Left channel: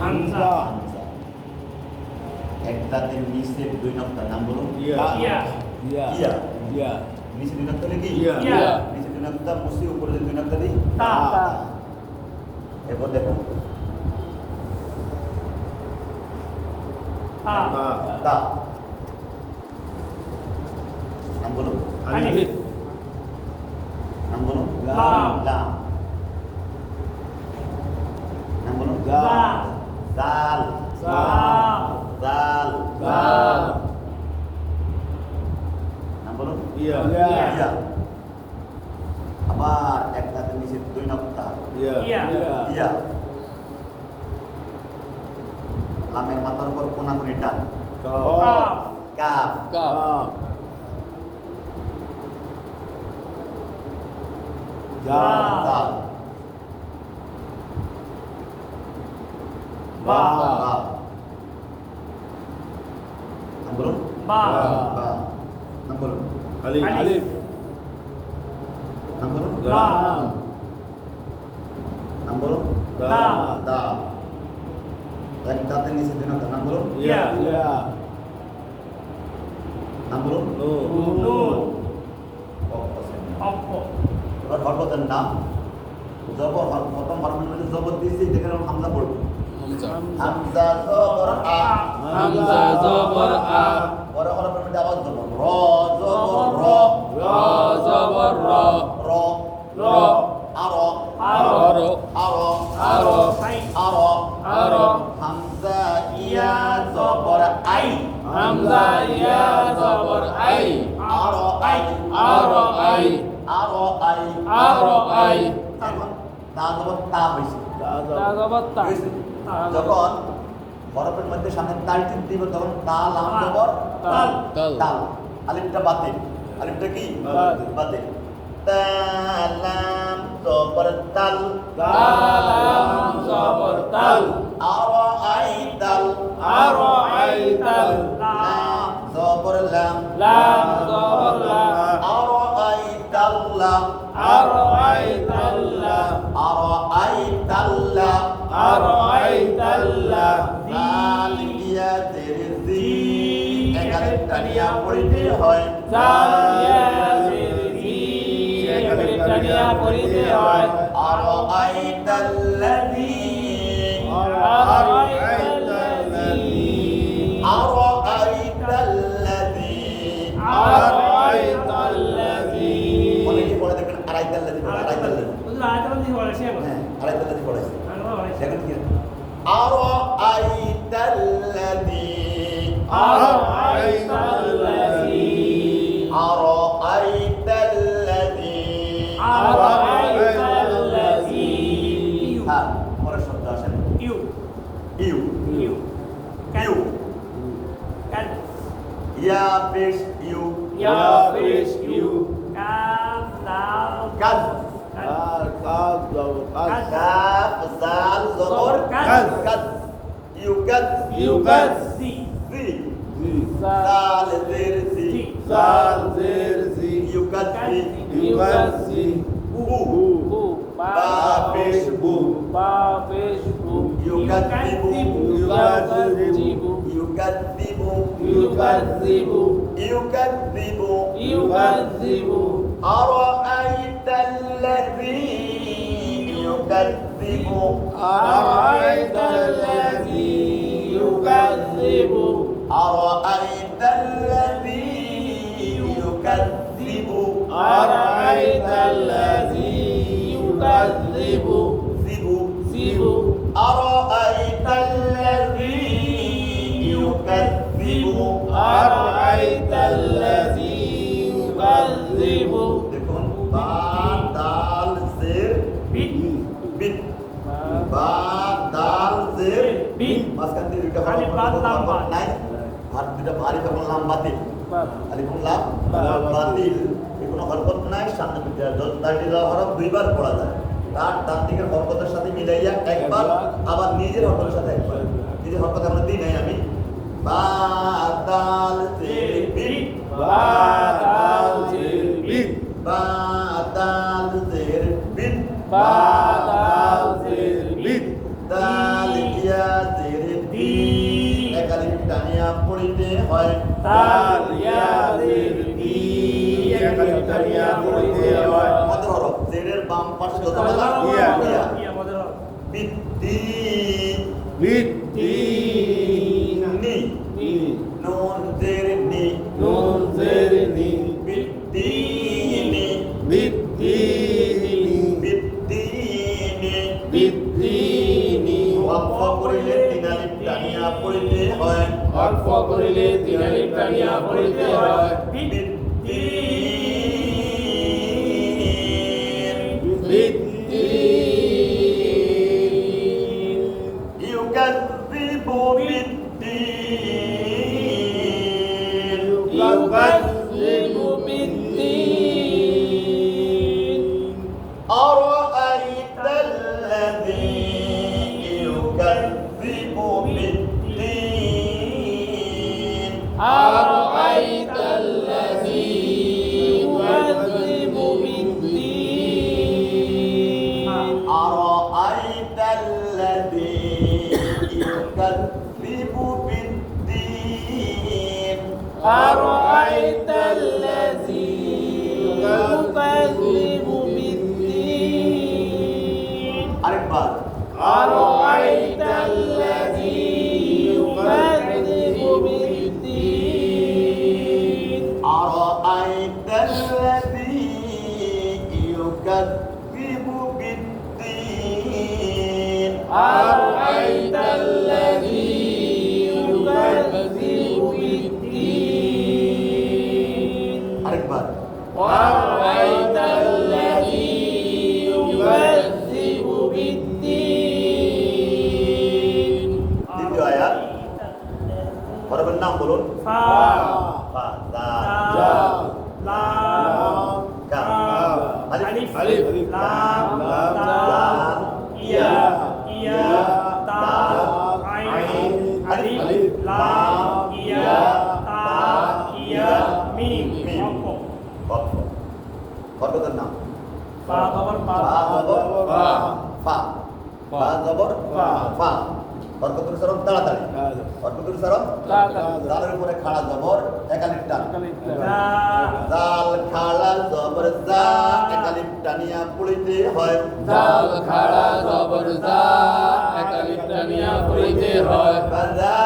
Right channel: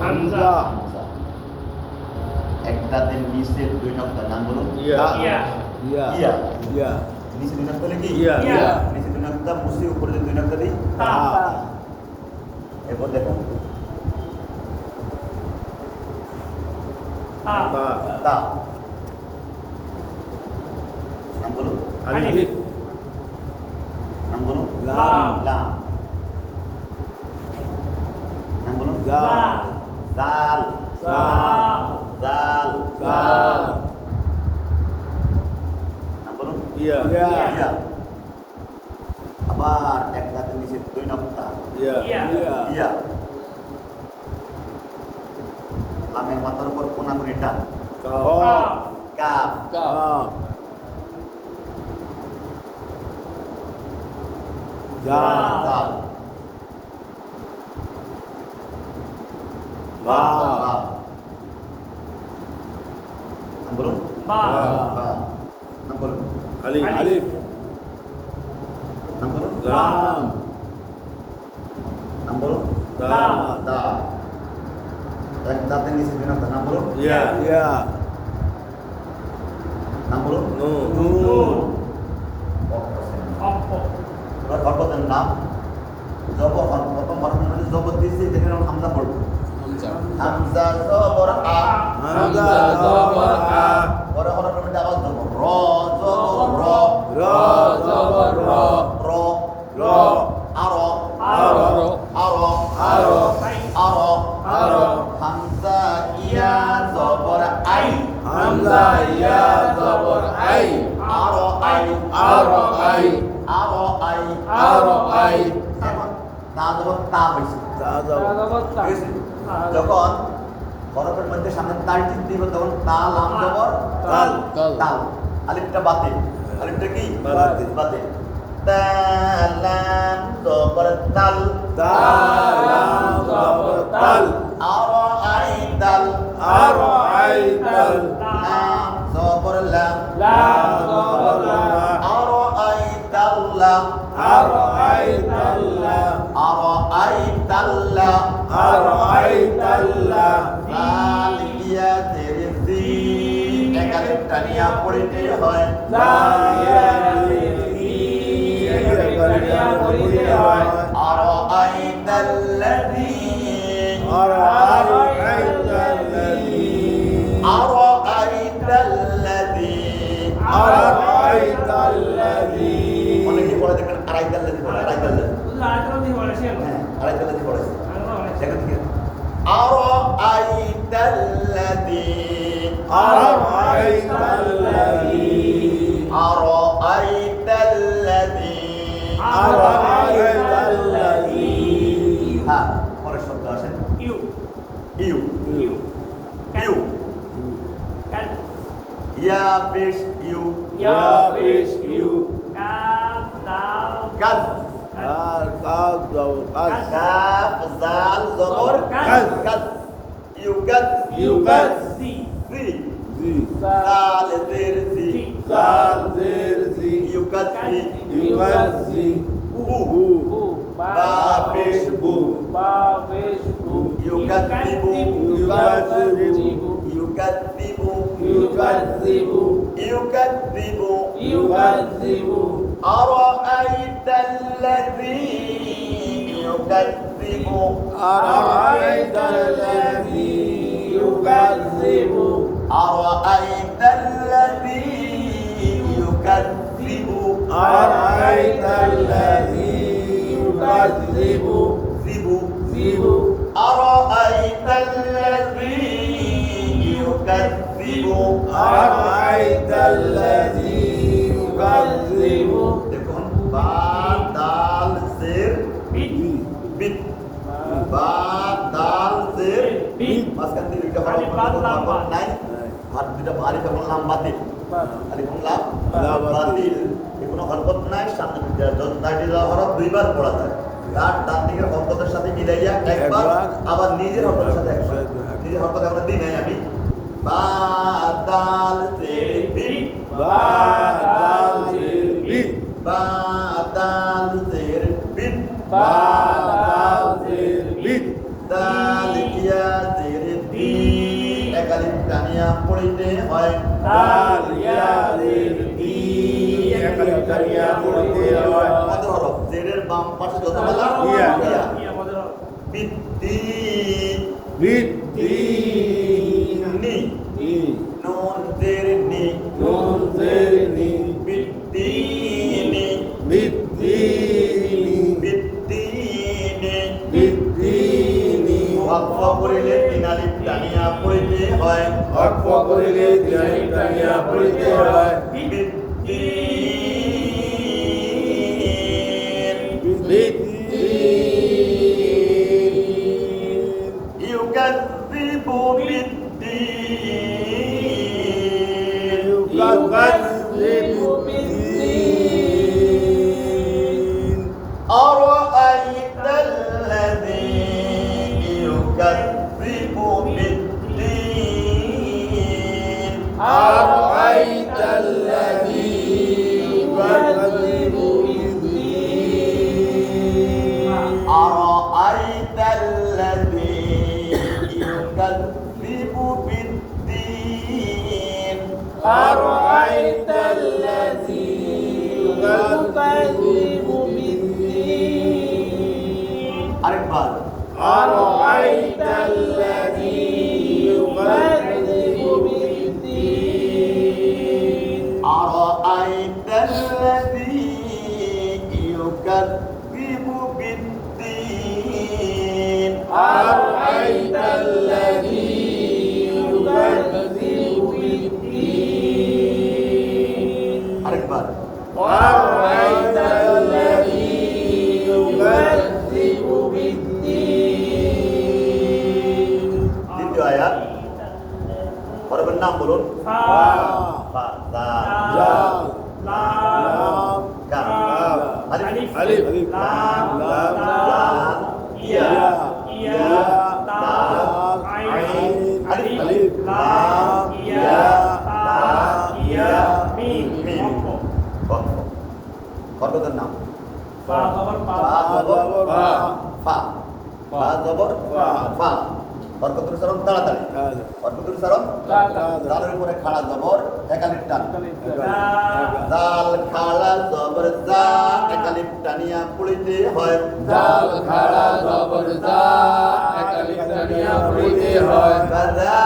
হামজা। এক দাঁতের নিচে দুই নক্তার নাম বলুন। ইয়া। নিচে দুই নক্তা কি? ইয়া। নিচে দুই নক্তা মুছে উপরে যে দুই নক্তা দিই তা। এরপর দেখুন তা নাম বলুন। আলিফ। নাম বলুন। লাম। লাম। নাম বলুন। লাম। জাল। জাল। জাল। জাল। নাম বলুন। ইয়া। ইয়া। আবার এক দাঁতের নিচে দুই নক্তা ইয়া। ইয়া। লামের মাথার উপর কোনাকুনি টান কাপ। কাপ। বা। বাপ। নাম বলুন। বাপ। নাম বলুন। আলিফ। নাম বলুন। লাম। নাম বলুন। দাল। দা। এক দাঁতের নিচে দুই নক্তা নাম বলুন। ইয়া। নাম বলুন। নুন। এবার হরকতের নাম প্রথম হরফের মধ্যে জবর দিয়েছি দেখে হামজা পড়বো। হামজা জবর আ। হামজা জবর আ। পরে হরফের মধ্যে আবার জবর র। জবর র। র জবর র। র। র। আরো। আরো। আরো। আরো। আরো। আরো। হামজা ইয়া জবর আই। হামজা ইয়া জবর আই। আরো আই। আরো আই। আরো আই। আরো আই। এখন তা জবর তা হয়েছে। তা। হয়েছে? যখন হরফের মধ্যে সামনে তাল চিন দিব তখন তা লাম জবর তাল। তাল। আলিফটা বাতে। আলিফটা কি? বাতে। বাতে। তালাম জবর তাল। তালাম জবর তাল। আরো আই তাল। আরো আই তাল। লাম জবর লাম। লাম জবর লাম। আরো আই তাল লাম। আরো আই তাল লাম। আরো আই তাল লাম। আরো আই তাল লাম। লাল ইয়া তেরে জি একালিফ টানিয়া পড়িতে হয়। আরো আই তাল্লাযী। আরো আই তাল্লাযী। অনেকে পড়ে দেখবেন আড়াই তাল্লাযী পড়ে। আড়াই তাল্লাযী। হ্যাঁ আড়াই তাল্লাযী পড়েছে। দেখেন কি আরো আই তাল্লাযী। আরো আই তাল্লাযী। হ্যাঁ পরের শব্দ আসেন। ইউ। ইউ। ইয়া পেশ ইউ। কাজ। কাফ জাল জবর কাজ। কাজ। ইউকাজ। ইউকাজি। জি। জাল জের জি। ইউকাজি। বু। বা পেশ বু। ইউকাজিবু। ইউকাজিবু। أرأيت الذي يكذب. أرأيت الذي يكذب. زبو. أرأيت الذي يكذب. দেখুন বা দাল জের বিট। বা দাল জের মাঝখান থেকে দুইটা হরফ নাই। আর দুইটা ভারী যখন লাম বাতিল। আলিফুল লাম বাতিল। কোনো হরকত নাই। সামনে দুইটা হরফ দুইবার পড়া যায়। তার ডান দিকের হরকতের সাথে মিলাইয়া একবার, আবার নিজের হরকতের সাথে একবার। নিজের হরকত এখন দিই নাই আমি। বা দাল জের বিট। বা দাল জের বিট। দাল ইয়া টানিয়া পড়িতে হয় দাল ইয়া জির ই একালিফ টানিয়া পড়িতে হয় মদের হরফ জেরের বাম পাশে যত মালা ইয়া। ইয়া বিদ্দিন বিদ্দিন নি ই নুন জের নি নুন জের নি বিদ্দিনি বিদ্দিনি বিদ্দিনি বিদ্দিনি ওয়াকফ করিলে তিন আলিফ টানিয়া পড়িতে হয় ওয়াকফ করিলে তিন আলিফ টানিয়া পড়িতে হয় يكذب بالدين يكذب بالدين أرأيت الذي يكذب بالدين أرأيت الذي يكذب بالدين أرأيت الذي يكذب بالدين أرأيت الذي يكذب بالدين আরেকবার أرأيت الذي يكذب بالدين أرأيت الذي يكذب بالدين أرأيت الذي يكذب بالدين আরেকবার أرأيت الذي يكذب بالدين দ্বিতীয় আয়াত হরফের নাম বলুন فا ফা দা لا কাফ আলিফ ألف লাম لام লাম ইয়া يا تا عين ألف لام يا تا يا ميم মিম ওয়াকফ হরফের নাম فا ফা জবর فا ফা ফা জবর ফা হরকত উচ্চারণ তাড়াতাড়ি হরকত উচ্চারণ দালের উপরে খাড়া জবর একালিফ টান দাল খাড়া জবর জা একালিফ টানিয়া পড়িতে হয় জাল খাড়া জবর জা একালিফ টানিয়া পড়িতে হয় বাজা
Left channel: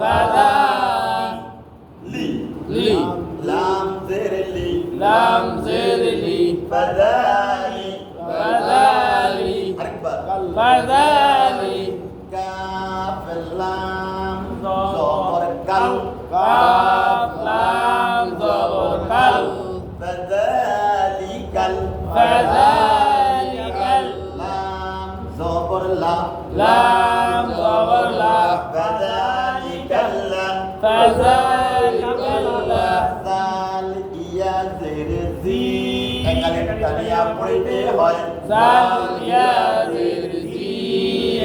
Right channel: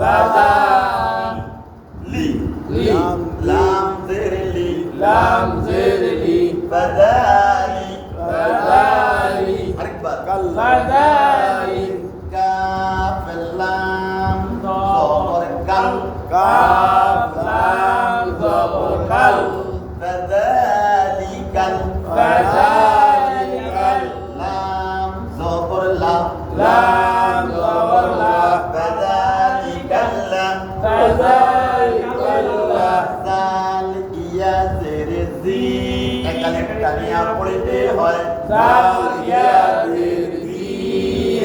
বাজা লি লি লাম জের লি লাম জের লি বাজাই বাজাই আরেকবার বাজাই কাফ লাম জবর কাল কাফ লাম জবর কাল ফাযালিকাল ফাযালিকাল লাম জবর লা লাম জবর লা ফাযালিকাল লা ফাযালিকাল লা জাল ইয়া জের জি একালিফ টানিয়া পড়িতে হয় জাল ইয়া জির জি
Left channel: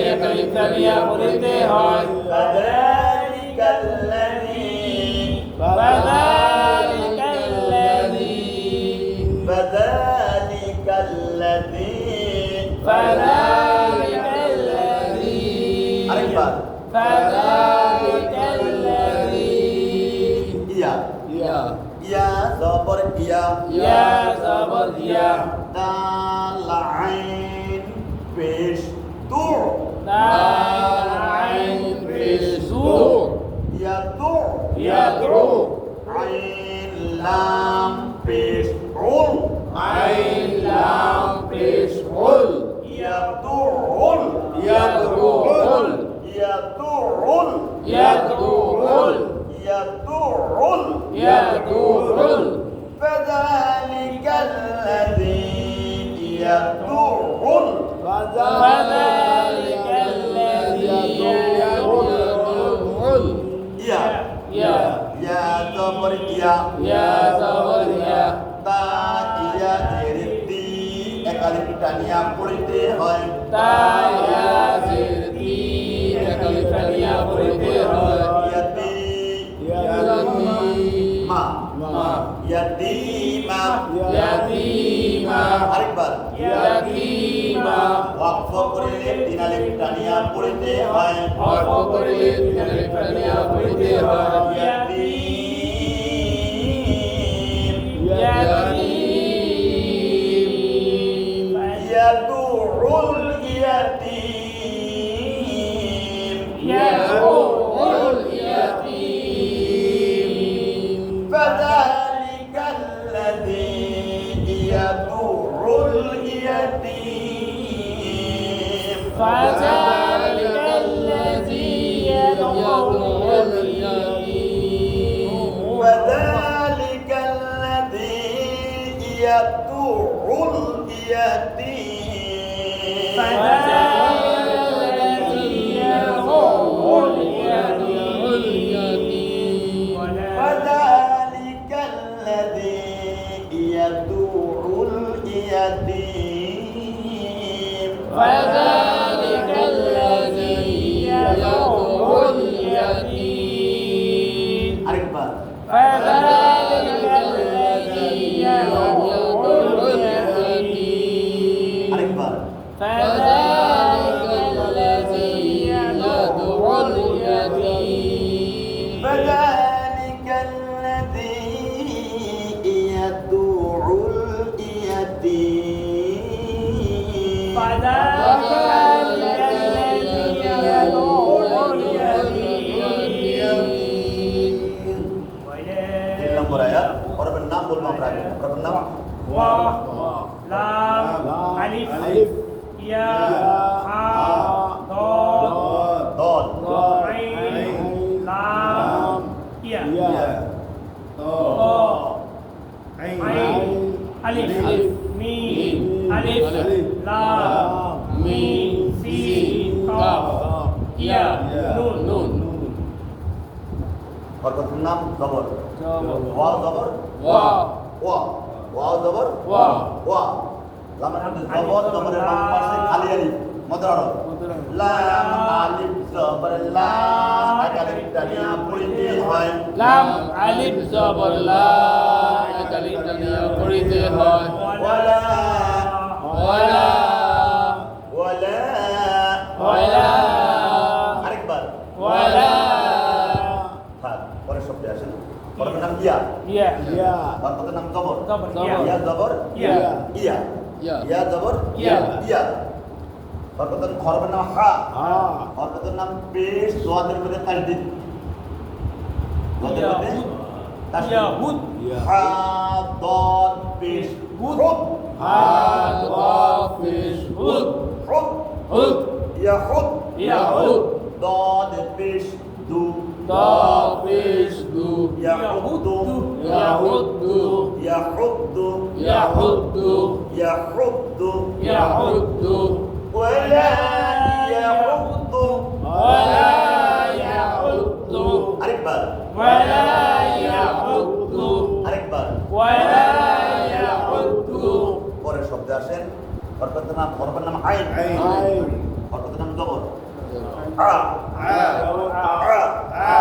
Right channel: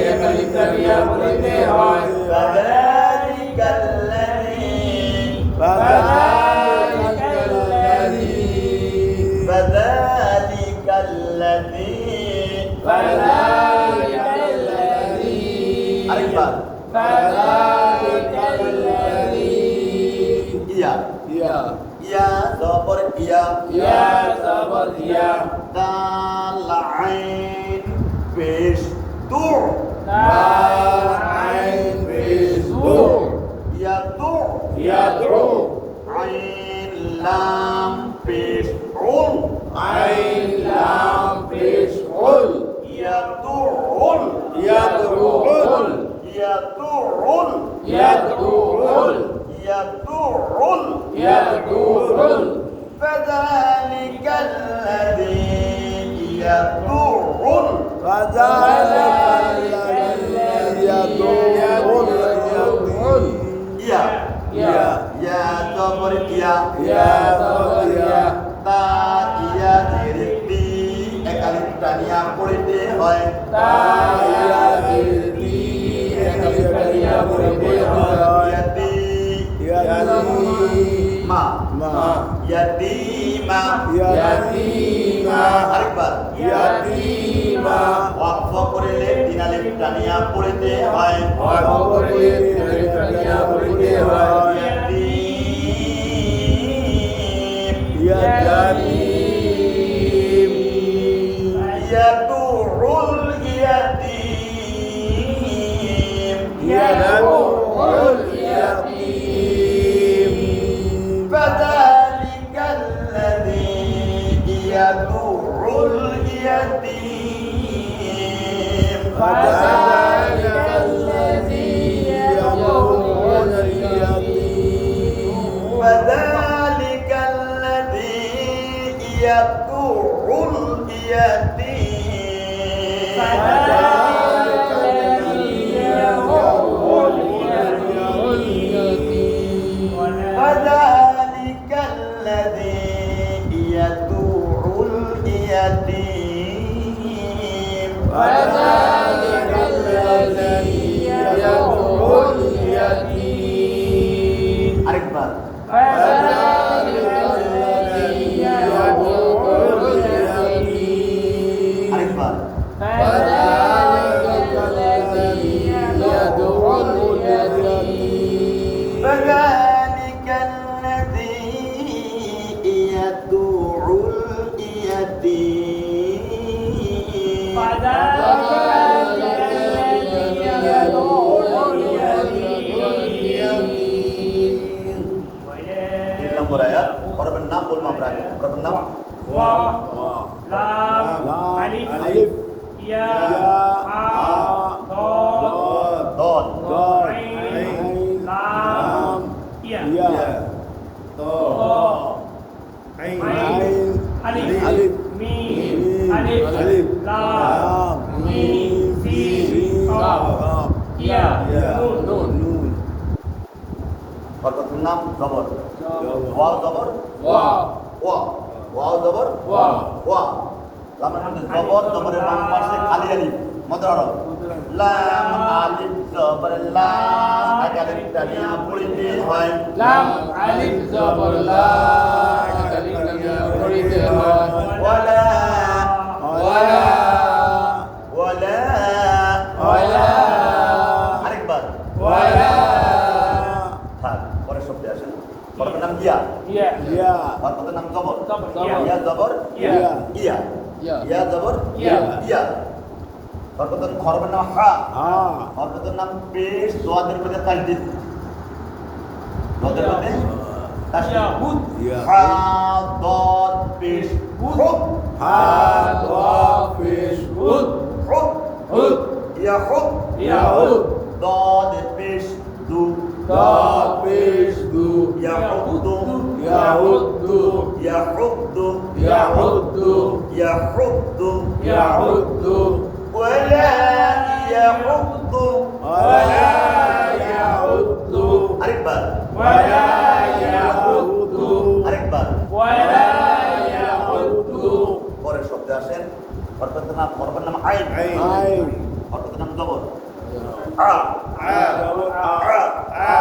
একালিফ টানিয়া পড়িতে হয় ফাযালিকাল লাযী ফাযালিকাল লাযী ফাযালিকাল লাযী ফাযালিকাল লাযী আরেকবার ফাযালিকাল লাযী ইয়া ইয়া ইয়া জবর ইয়া ইয়া জবর ইয়া দাল আইন পেশ তু দাল আইন পেশ দু ইয়া তু ইয়াদউ আইন লাম পেশ উল আইন লাম পেশ উল ইয়া তু উল ইয়াদউল ইয়া তু উল ইয়াদউল يدعو ইয়াদউল فذلك الذي يدعو ফাযালিকাল লাযী ইয়াদউল يا ইয়া يا زبر يا ইয়া জবর ইয়া তা ইয়া জের বি একালিফ টানিয়া পড়িতে হয় তা ইয়া জির তি একালিফ টানিয়া পড়িতে হয় ইয়াতি ইয়াতীমা মা ইয়াতিমা ইয়াতীমা আরেকবার ইয়াতীমা ওয়াকফ ওয়াকফ করিলে তিন আলিফ টানিয়া পড়িতে হয় ওয়াকফ করিলে তিন আলিফ টানিয়া পড়িতে হয় ইয়াতীম ইয়াদুউল ইয়াতীম ইয়াদুউল ইয়াতীম فذلك الذي يدعو اليتيم فذلك الذي يدعو اليتيم فذلك الذي يدعو اليتيم فذلك الذي يدعو اليتيم فذلك الذي يدعو اليتيم আরেকবার فذلك الذي يدعو اليتيم আরেকবার فذلك الذي يدعو اليتيم فذلك الذي يدعو اليتيم তিন নম্বর আয়াত হরফের নাম বলবো আমরা আগে হরফের নাম Waw, lam, alif, ya, ha, dod, দল ain, lam, ya, ain, alif, mim, alif, lam, mim, sin, qaf, ya, nun, হরফের নাম জবর ওয়া জবর ওয়া ওয়া ওয়া জবর ওয়া ওয়া লামের মধ্যে জবর জবরের বাম পাশে খালি আলিফ মধ্যে হরফ লাম আলিফ জবর লা এক আলিফ টানিয়া পড়িতে হয় লাম আলিফ জবর লা আলিফ টানিয়া পড়িতে হয় ওয়ালা ওয়ালা ওয়ালা ওয়ালা আরেকবার ওয়ালা থাক পরের শব্দে আসেন হরফের নাম ইয়া ya, হরফের নাম জবর Jabor, ইয়া জবর ya, ইয়া ইয়া ইয়া জবর ইয়া ইয়া হরফের নাম হা হরফের নাম পেশ দোয়াদের মধ্যে তাসদিদ দোয়াদের মধ্যে তাসদিদ yahud, হা দদ পেশ হুদ হা ওয়া পেশ হুদ হুদ হুদ ইয়াহুদ ইয়াহুদ দদ পেশ দু দা পেশ দু ইয়াহুদু ইয়াহুদ্দু ইয়াহুদু ইয়াহুদ্দু ইয়াহুদু ইয়াহুদ্দু ওয়ালা ইয়াহুদু ওয়ালা ইয়াহুদ্দু আরেকবার ওয়ালা ইয়াহুদ্দু আরেকবার ওয়ালা ইয়াহুদ্দু পরের শব্দে আসেন হরফের নাম আইন হরফের নাম জবর আ আ আ আ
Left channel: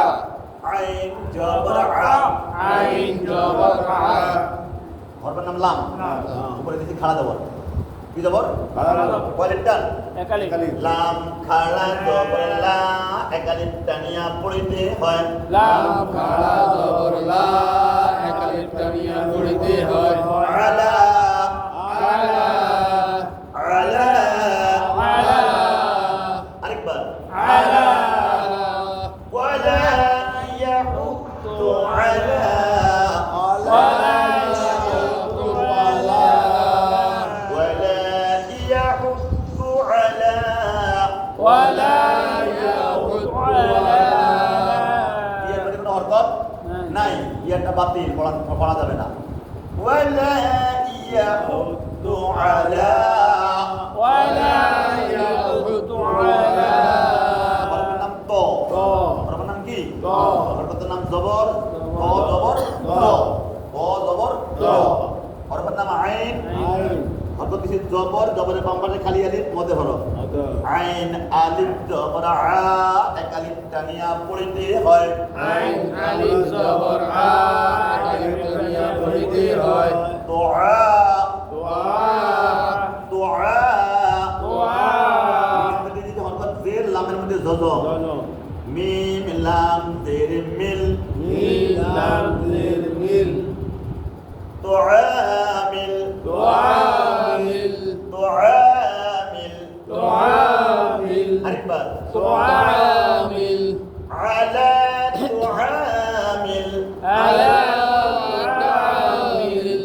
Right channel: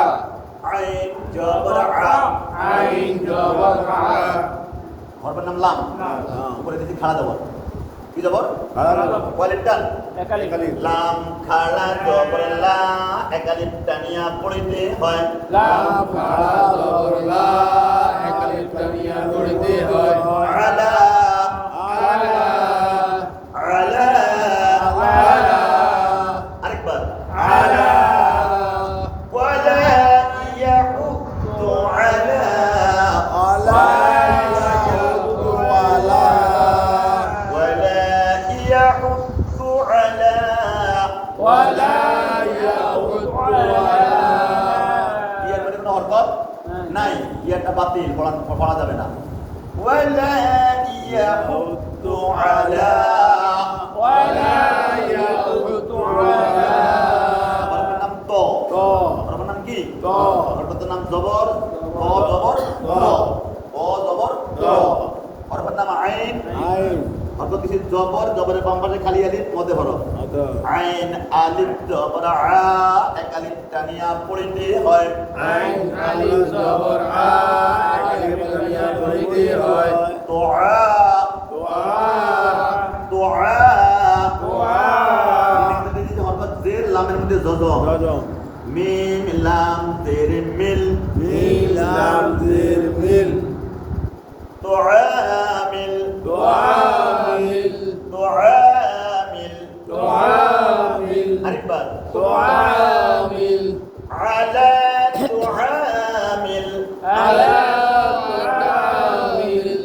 আইন জবর আ আইন জবর আ হরফের নাম লাম উপরে দিকে খাড়া জবর কি জবর ওয়ালিফ টান লাম খাড়া জবর লা এক আলিফ টানিয়া পড়িতে হয় লাম খাড়া জবর লা এক আলিফ টানিয়া পড়িতে হয় আলা আলা আলা আলা আরেকবার আলা ওয়ালা ইয়াহুদ্দু আলা ولا يحث على ولا يحض على ইয়ার মধ্যে কোনো হরকত নাই ইয়াটা বাতিল পড়া যাবে না ولا يحث على ولا يحض على হরফের নাম ত হরফের নাম কি হরফের নাম জবর ত জবর ত জবর হরফের নাম আইন হরফ কিছু জবর জবরের বাম পাশে খালি আলিফ মধ্যে হরফ আইন আলিফ জবর আ এক আলিফ টানিয়া পড়িতে হয় আইন আলিফ জবর আ এক আলিফ টানিয়া পড়িতে হয় দুআ ওয়া দুআ ওয়া লামের মধ্যে জজম জজম মিম লাম জের মিল মিম লাম জের মিল তুআমিল তুআমিল তুআমিল তুআমিল আরেকবার তুআমিল আলা তুআমিল আলা তুআমিল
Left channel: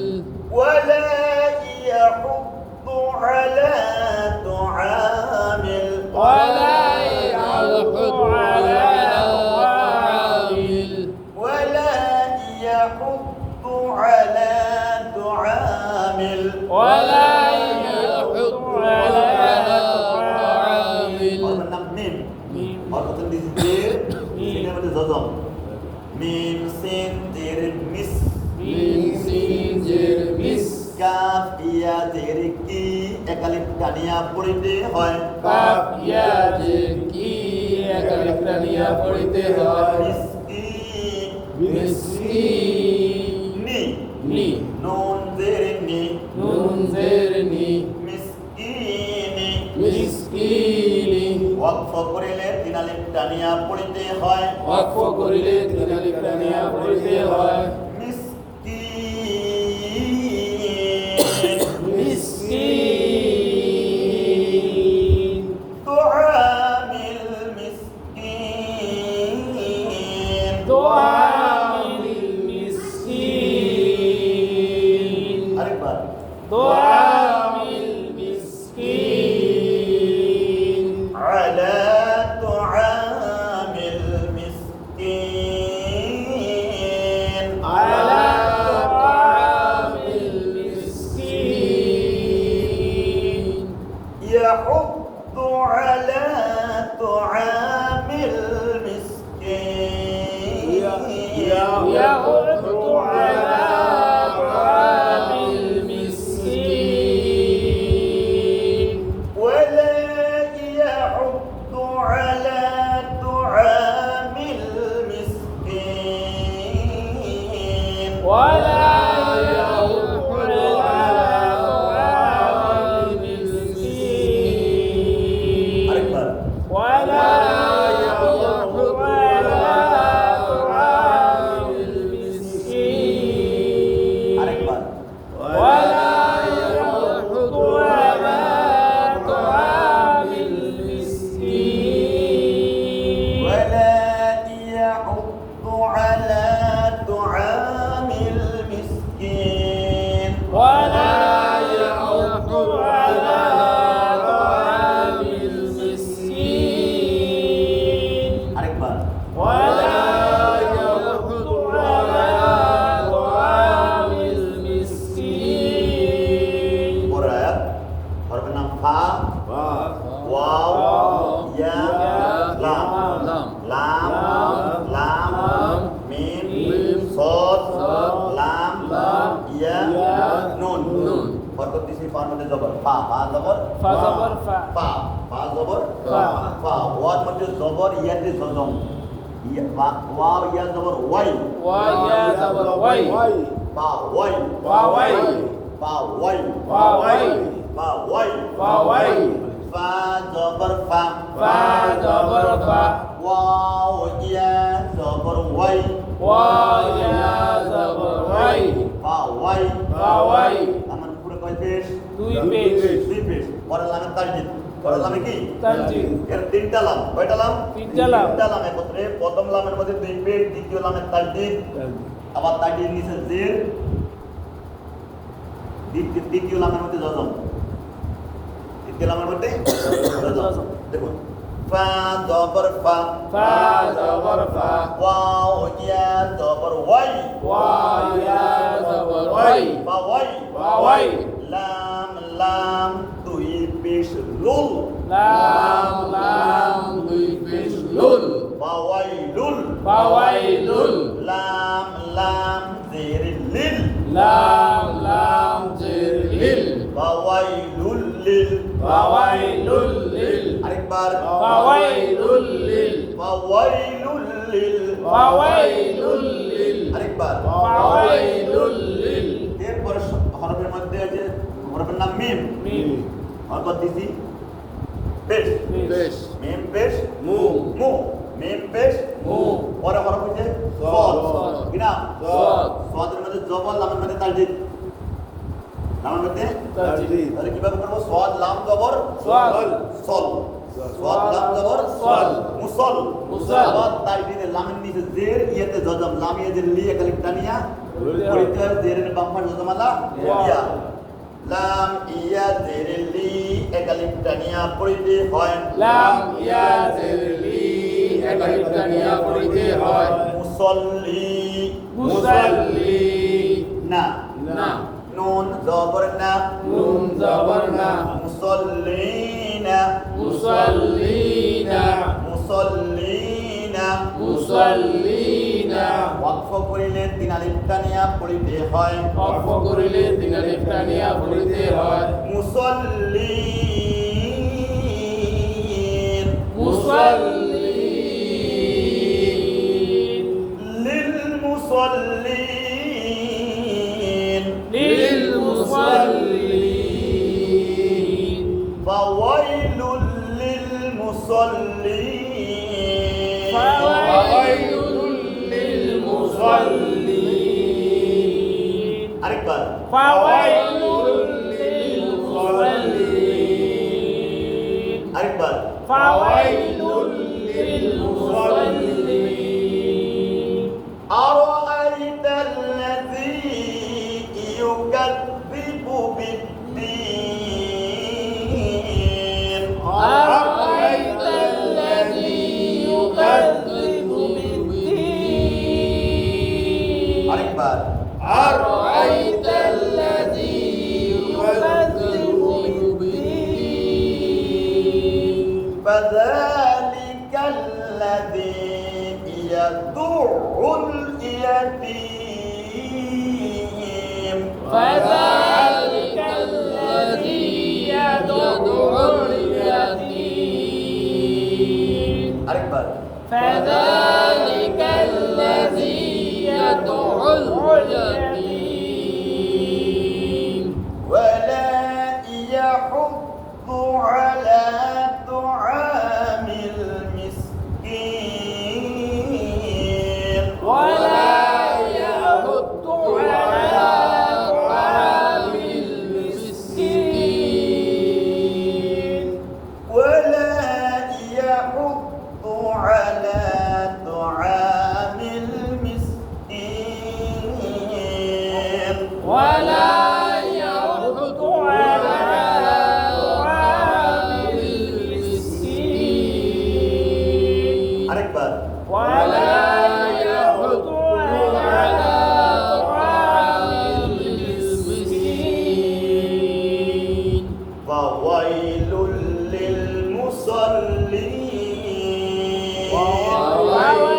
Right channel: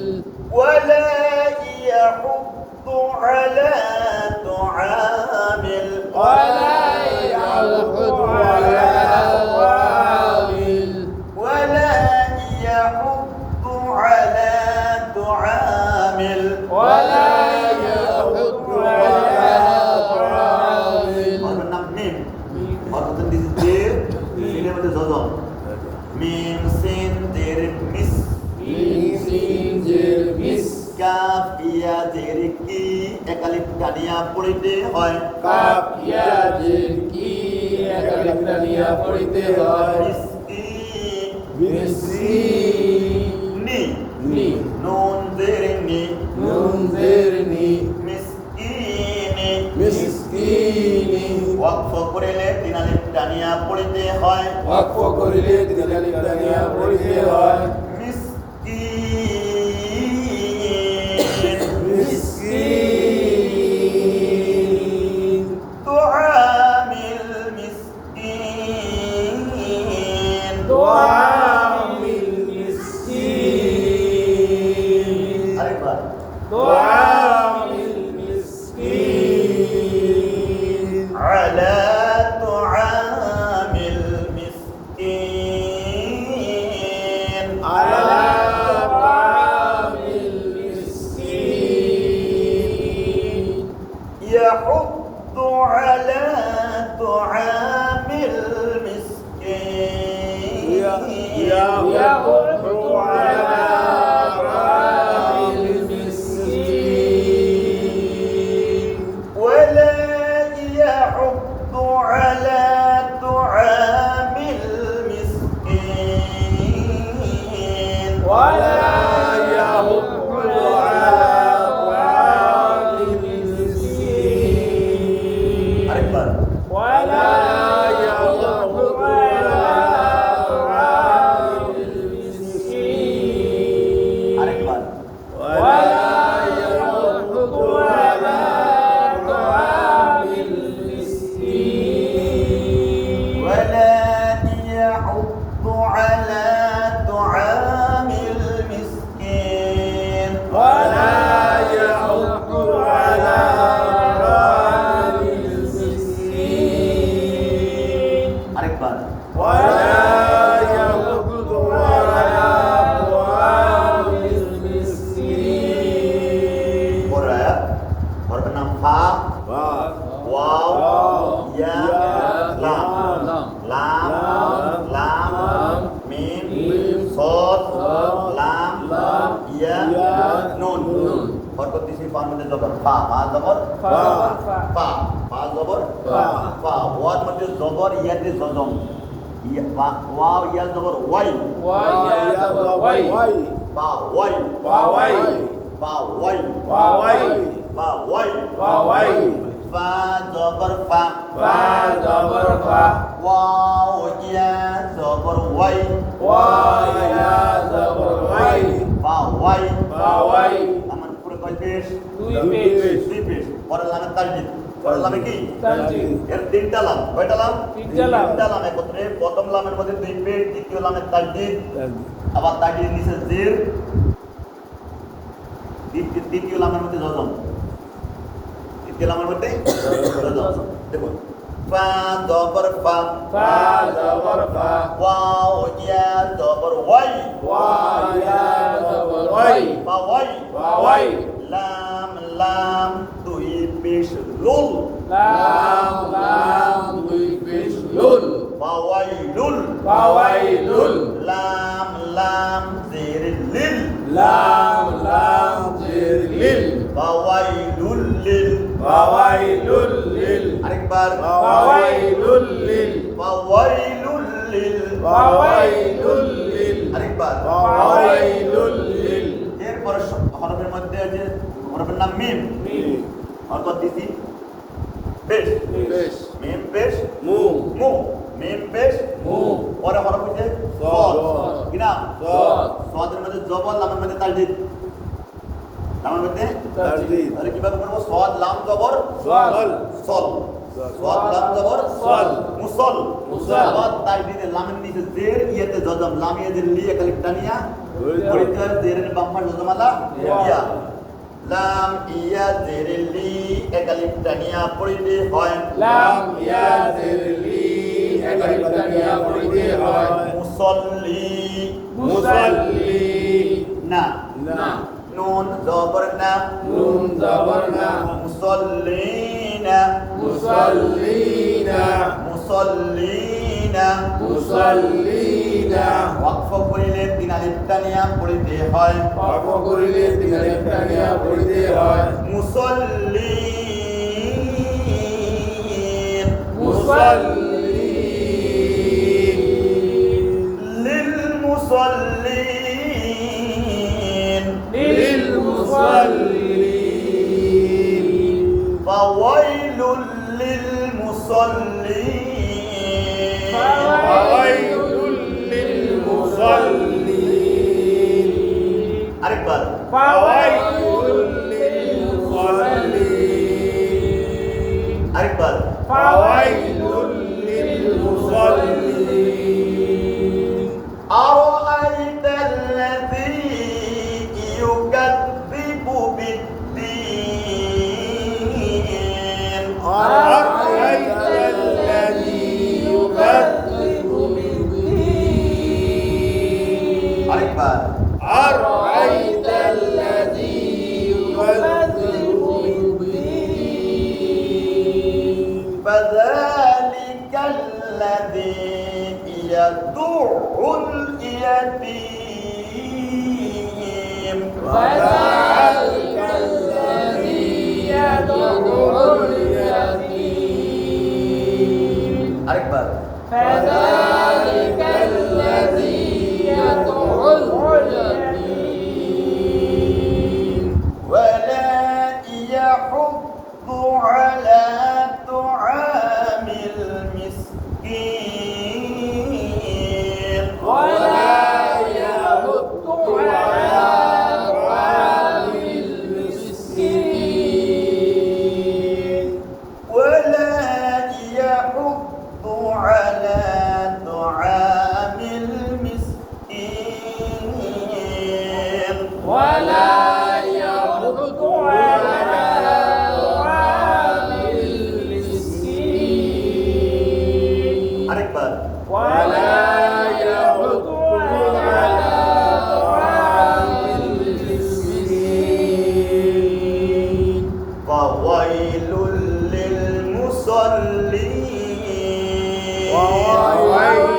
ولا يحض على طعامل ولا يحض على طعامل ولا يحض على طعامل ولا يحض على طعامل और नाम मीम और तो दीजिए मीम में जजम मीम सिन जेर मिस মিম সিন জের মিস কাফ ইয়া জের কি একালিফ টানিয়া পড়িতে হয় কাফ ইয়া জের কি একালিফ টানিয়া পড়িতে হয় মিসকি মিসকিন নি নি নুন জের নি নুন জের নি মিসকিনি মিসকিনি ওয়াকফ করিলে তিন আলিফ টানিয়া পড়িতে হয় ওয়াকফ করিলে তিন আলিফ টানিয়া পড়িতে হয় মিসকিন তুআমিল মিসকিন তুআমিল মিসকিন আরেকবার তুআমিল মিসকিন আলা তুআমিল মিসকিন على طعام المسكين يحض على طعام المسكين يحض على طعام المسكين ولا يحض على طعام المسكين ولا يحض على طعام المسكين أكبر ولا يحض على طعام المسكين أكبر ولا يحض على طعام المسكين ولا يحض على طعام المسكين ولا يحض على طعام المسكين أكبر ولا يحض على طعام المسكين قرأ حرف النام فا واو يا لام لام لام ميم صاد لام يا نون حرف تيسي فا مدد زبر فا فا زبر فا فا زبر فا واد مدد زبر يد ززم واو يا زبر واي ويا وي فا واي وي فا واي وي فا واي وي فا زبر فا زبر فا واو يا زبر واي ويا زبر وي فا واي وي আমার পুরো কয় পেশ দুই পেশ দুই পেশ পরের লামের তাসদিদ পরের লামে কি তাসদিদ এর তিনটা লাম কয়টা লাম তিনটা লাম। তিনটা লাম একত্রে প্রথম লামের মধ্যে দুই পেশ দ্বিতীয় লামের তাসদিদ আবার তাসদিদ নিচে জির দ্বিতীয় লামের মধ্যে জজম দ্বিতীয় লামের মধ্যে জজম দেখুন ফা জবর ফা فا زبر فا واو يا زبر واي ويا زبر وي ফা ওয়াই وي লাম লাম দুই পেশ লুল لام لام দুই পেশ লুল ফাওয়াইলুল ফাওয়াইলুল লাম লাম জির লিল লাম লাম জির লিল ফাওয়াইলুল লিল ফাওয়াইলুল লিল আরেকবার ফাওয়াইলুল লিল ফাওয়াইলুল লিল ফাওয়াইলুল লিল আরেকবার ফাওয়াইলুল লিল এরপর হরফের মধ্যে আছে হরফের নাম মিম মিম হরকত দিছি পেশ পেশ মিম পেশ মু মু মিম পেশ মু পরে হরফ হচ্ছে সদ। সদ কি নাম সদ সদের মধ্যে জবর লামের মধ্যে তাজদিদ লামের মধ্যে তাজদীদ তাহলে কিভাবে করবো সদ লাম জবর সল সল সদ লাম জবর সল। মুসল মুসল। আবার তাজদিদে লামের নিচে জের ইয়েতে জজম লাম ইয়ে জের লি একালিফ টানিয়া পড়িতে হয় জেরের বাম্পার জজমালা ইয়া লাম ইয়া জেরের লি একালিফ টানিয়া পড়িতে হয় লাম ইয়া জিরলি একালিফ টানিয়া পড়িতে হয় মুসল্লি মুসাল্লি না না নুন জবর না নুন জবর না মুসল্লিনা মুসাল্লিনা মুসল্লিনা মুসাল্লিনা ওয়াকফ করিলে তিন আলিফ টানিয়া পড়িতে হয় ওয়াকফ করিলে তিন আলিফ টানিয়া পড়িতে হয় মুসল্লিন মুসাল্লিন লিল মুসল্লিন লিল মুসাল্লিন ফাওয়াইলুল লিল মুসল্লিন ফাওয়াইলুল লিল মুসাল্লিন আরেকবার ফাওয়াইলুল লিল মুসাল্লিন আরেকবার ফাওয়াইলুল লিল মুসাল্লিন أرأيت الذي يكذب بالدين أرأيت الذي يكذب بالدين আরেকবার أرأيت الذي يكذب بالدين فذلك الذي يدع اليتيم فذلك الذي يدعو اليتيم আরেকবার فذلك الذي يدعو اليتيم ولا يحض على طعام المسكين ولا يحض على طعام المسكين ولا يحض على طعام المسكين ولا يحض على طعام المسكين আরেকবার ولا يحض على طعام المسكين فويل للمصلين وويل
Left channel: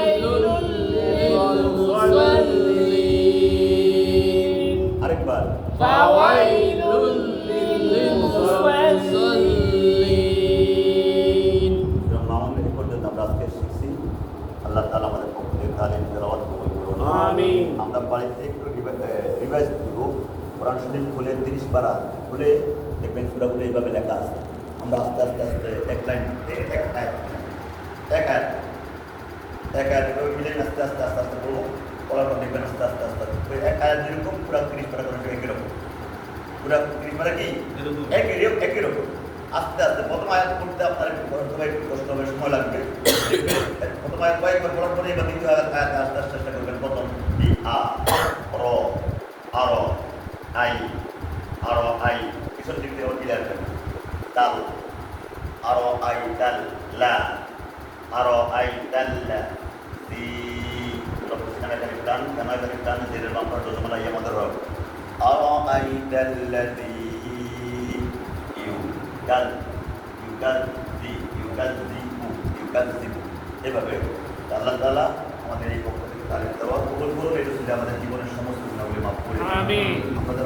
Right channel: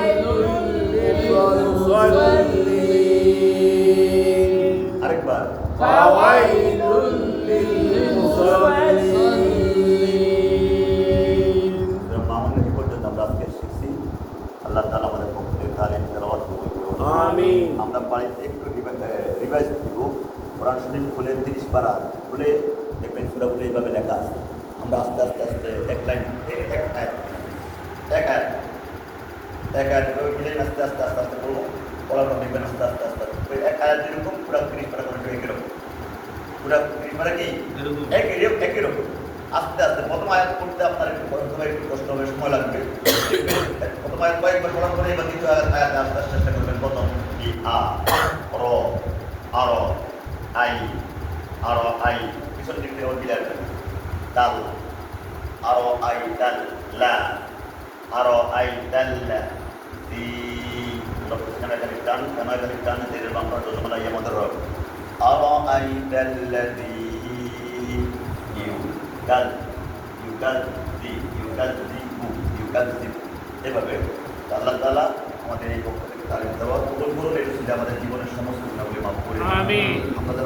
للمصلين আরেকবার فويل للمصلين মামুন এই পর্যন্ত আমরা আজকে শিখছি আল্লাহ তাআলা আমাদের পক্ষ থেকে তালিম তেলাওয়াত কবুল করুন আমিন। আমরা বাড়িতে একটু রিভাইজ দিব কোরআন শরীফ খুলে 30 পারা খুলে দেখবেন সূরাগুলো এইভাবে লেখা আছে আমরা আস্তে আস্তে আস্তে এক লাইন এক আয়াত করে মিলে আস্তে আস্তে আস্তে আস্তে বলবো পড়ার পর দেখবেন আস্তে আস্তে আস্তে আস্তে এক আয়াত যেরকম পুরা 30 পারা করে একই রকম পুরা 30 পারা কি একই রকম আস্তে আস্তে প্রথম আয়াত পড়তে আপনার একটু কষ্ট হবে সময় লাগবে প্রথম আয়াত কয়েকবার পড়ার পরে এবার দ্বিতীয় আয়াত আস্তে আস্তে চেষ্টা করবেন প্রথম কি র আর আই পিছন দিক থেকে ক্লিয়ার করবেন দাল আর আই দাল লা আর আই দাল লা দি লক্ষ্যখানে এখানে টান কানা এখানে টান জেরের বাম্পার জজমালা ইয়ে আমাদের হবে আর আই দাল লা দি এভাবে আল্লাহ তাআলা আমাদের এই পক্ষ থেকে তালিম দেওয়া কবুল করুন, এটি আমাদের জীবনের সমস্ত গুণাবলী মাফ করে আমিন। আমাদের